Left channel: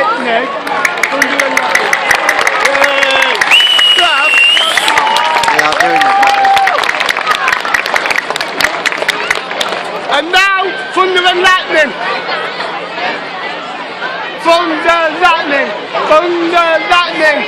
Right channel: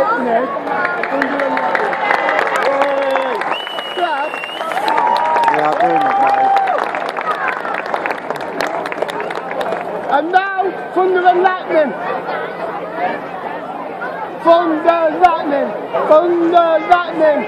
lightning. Thunder and lightning. Yay! Clap. We are doing it, guys. And now, thunder and lightning. Thunder, lightning. Thunder, lightning.